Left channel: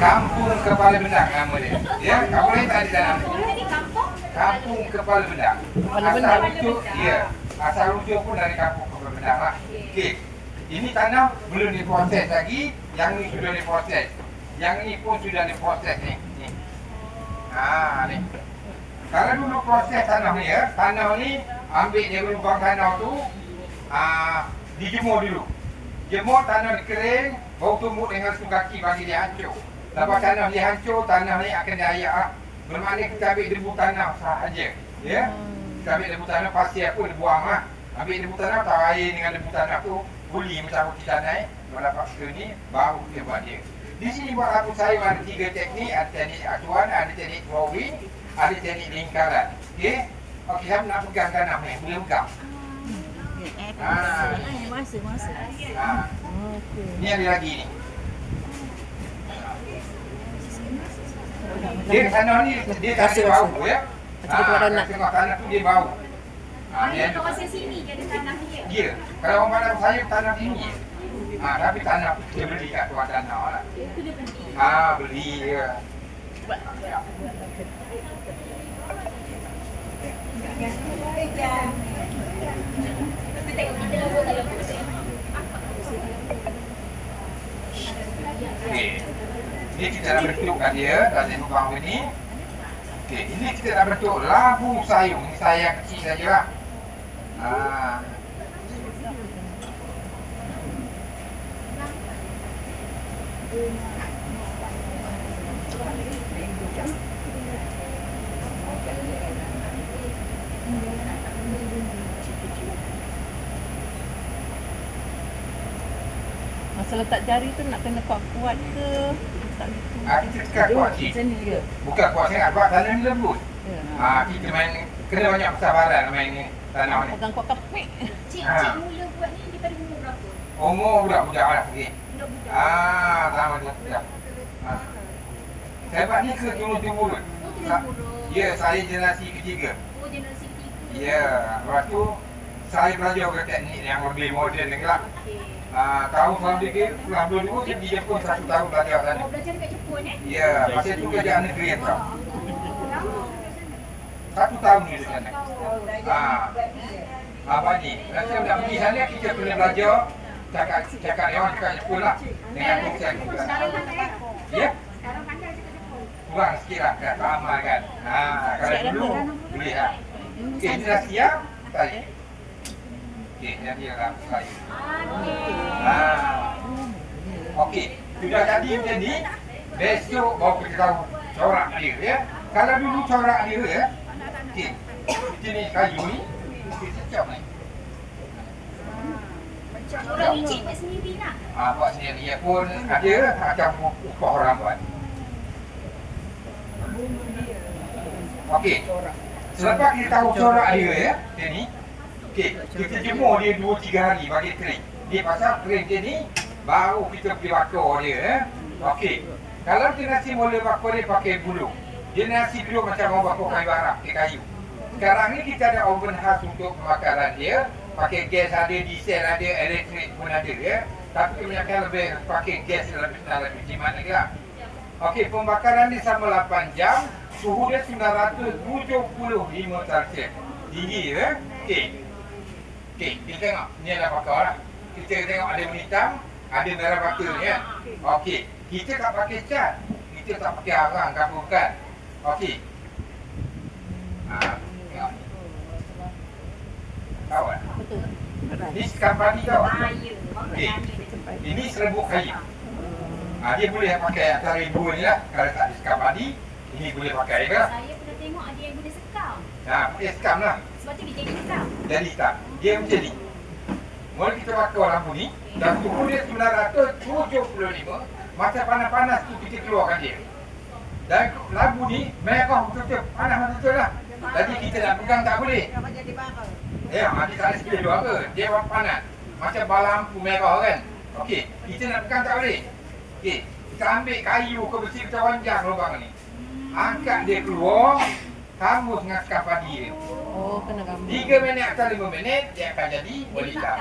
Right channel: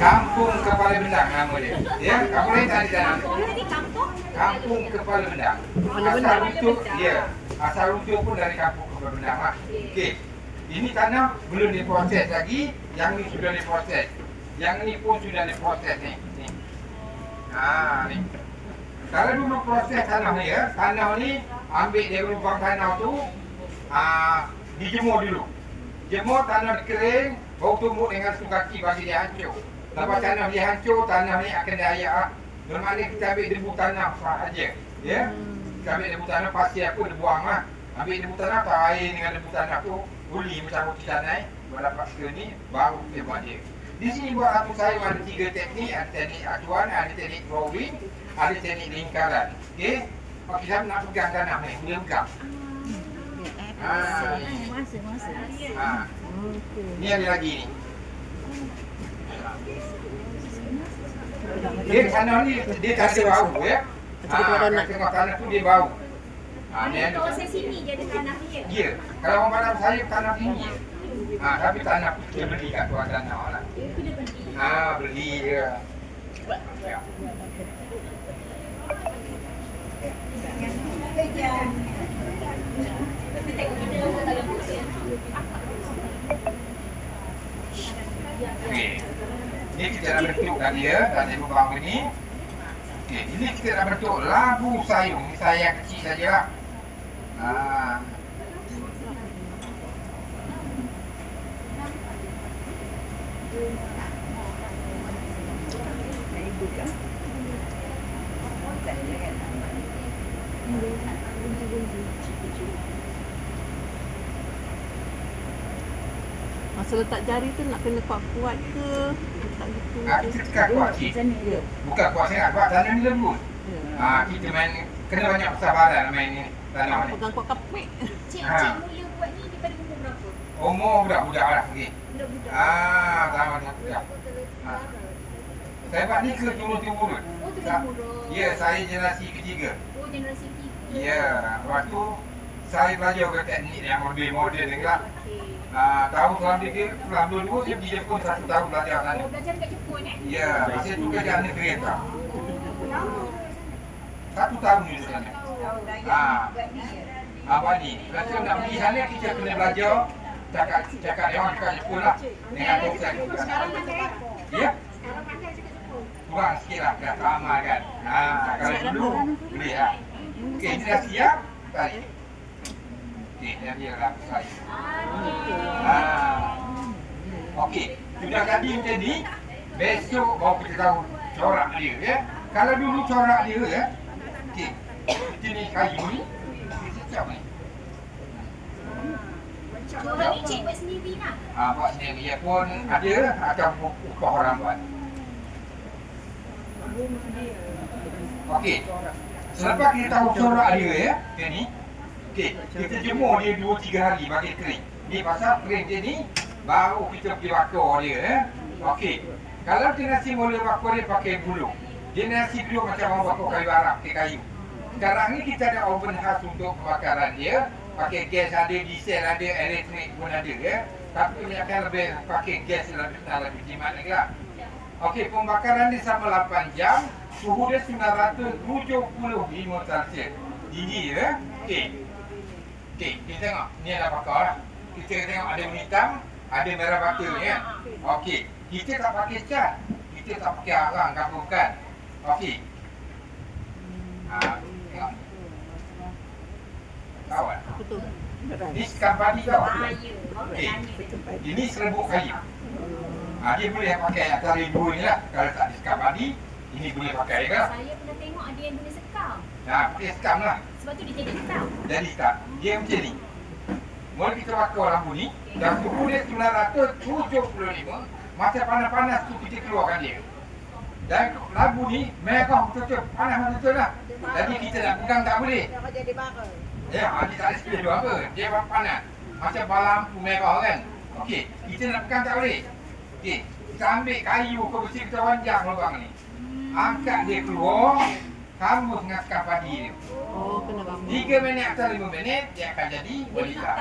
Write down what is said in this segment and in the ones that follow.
Kampung Kepala Benang nama dia. Ya, kamu lain tak ada tanah. Jadi kampung? Kampung Kepala Benang. Asal usul, ya. Asal usul pun dari Kampung Kepala Benang lah. Okey. Ini tanah belum diproses lagi, yang ni sudah diproses. Yang ni pun sudah diproses ni. Ni. Kalau dulu proses tanah ni ya, tanah ni ambil dari lubang tanah tu, dijemur dulu. Jemur tanah kering, bau tumbuk dengan satu kaki bagi dia hancur. Lepas tanah dia hancur, tanah ni akan diayak lah. Bermakna kita ambil debu tanah sahaja. Ya? Kita ambil debu tanah, pasti aku debu amah. Ambil debu tanah, tahu air dengan debu tanah tu, guli macam roti canai. Buat dapat ke ni, baru kita buat dia. Di sini buat aku saya ada 3 teknik, ada teknik acuan, ada teknik drawing, ada teknik lingkaran. Okey? Okey, saya nak pegang tanah ni, boleh pegang. Masa. Ni ada lagi ni. Dia tanah ni dia tak ada bau ya. Tengok tanah tu dia bau. Dia kawasan sini dia ada tanah dia. Ya. Kalau orang Padang saya tanah tinggi. Tapi tanah dia beli kat tuan tanah lah. Itu dia beli. Beli je. Tapi tengok kita kalau musim. Okey. Ni kita dah bentukkan dia dan dia membangun ni. Okey, ini kita dah bentuk labu sayung. Ni sayang kecil sajalah. Masa letak jari tu nak kena kuat-kuat ke? Tak gitu. Kita tekan kuat cik. Bukan kuat sangat, kuat tanah ni lembut. Kita main, kena banyak kesabaran main ni, tanah ni. Pegang kuat kapek. Cik mula buat ni daripada umur berapa? Umur budak-budak lah. Okay. Budak-budak. Sama budak. Saya buat ni ke turun-turun. Ya, saya generasi ketiga. Oh, generasi ketiga. Ya, lepas tu saya belajar ke teknik yang lebih moden lagi lah. Okey. Tahun 1992 saya pergi Jepun 1 tahun belajar sana. Belajar dekat Jepun Ya, masa tu kerja negeri tau. 1 tahun di sana. Apa ni? Kalau saya nak pergi sana kita kena belajar cakap dia orang cakap Jepun lah dengan tongsan. Ya? Sekarang pandai cakap Jepun. Kurang sikit lah, kan? Sama kan? Kalau dulu boleh lah. Okey, ini dah siap. Tarik. Okey, dia lah saya. Okey, sudah jadi macam ni. Besok baru kita tahu corak dia ya. Kalau dulu corak dia ya. Okey. Jenis kayu ni. Okey, setiap ni. Corak ni cik buat sendiri lah. Buat sendiri ya pun ada macam upah orang buat. Okey. Selepas kita tahu corak dia ya, macam ni. Okey, kita jemur dia 2-3 hari bagi kering. Ni pasal kering dia ni baru kita pergi bakar dia ya. Okey. Kalau generasi mula bakar dia pakai bulu. Generasi kedua macam orang bakar kayu arab, pakai kayu. Sekarang ni kita ada oven khas untuk pembakaran dia. Pakai gas ada, diesel ada, elektrik pun ada ya. Tapi kebanyakan lebih pakai gas lebih senang, lebih jimat lagi lah. Okey, pembakaran dia sama 8 jam. Suhu dia 975 Celsius. Tinggi ya. Okey. Okey, kita tengok. Ni adalah bakar lah. Kita tengok ada hitam, ada merah bata ni kan. Okey, kita tak pakai cat. Kita tak pakai arang ke apa bukan. Okey. Tengok ni. Kawan. Betul. Ni sekam padi tau. Ya. Okey. Ini serbuk kayu. Dia boleh pakai antara dua ni lah. Kalau tak ada sekam padi, ini boleh pakai ke? Saya pernah tengok ada yang guna sekam. Pakai sekam lah. Sebab tu dia jadi hitam. Jadi tak. Dia macam ni. Mula kita bakar lampu ni, dan suhu dia 975, masa panas-panas tu kita keluarkan dia. Dan lampu ni merah betul-betul, panas betul-betul lah. Jadi kita nak pegang tak boleh. Ya, dia tak ada speed juga ke. Dia panas. Macam bala lampu merah kan. Okey, kita nak pegang tak boleh. Okey, kita ambil kayu ke besi, kita wanjang lubang ni. Angkat dia keluar, sambung dengan sekam padi dia. Oh, kena gambar. 3 minit atau 5 minit, dia akan jadi berhitam.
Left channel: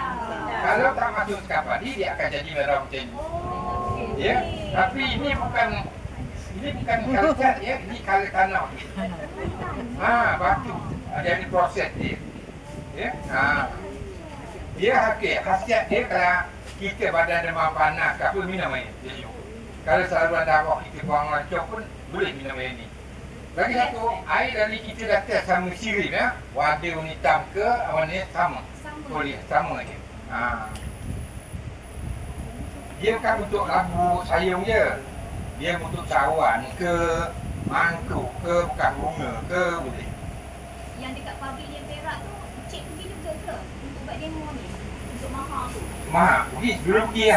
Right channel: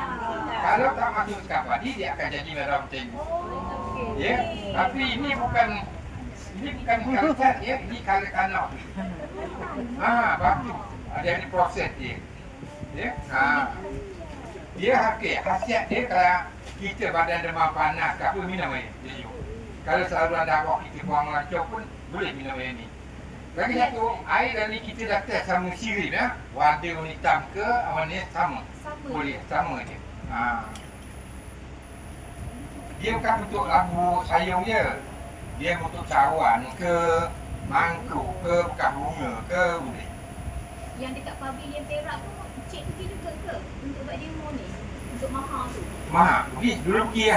Kalau tak masuk sekam padi, dia akan jadi merah macam ni. Ya, tapi ini bukan Ini bukan kalau cat ya, ini kalau tanah. Batu. Ada ni proses dia. Ya. Dia khasiat dia kalau kita badan demam panas ke apa minum air. Jadi, kalau saluran darah kita buang lancar pun boleh minum air ni. Lagi satu, air dari kita dah test sama sirin ya. Warna hitam ke warna sama. Boleh sama je. Dia bukan untuk labu sayung je. Dia untuk cawan ke mangkuk ke bekas bunga ke boleh. Yang dekat pabrik yang Perak tu, cik pergi juga ke untuk buat demo ni? Untuk mahal tu. Mahal. Pergi dulu pergi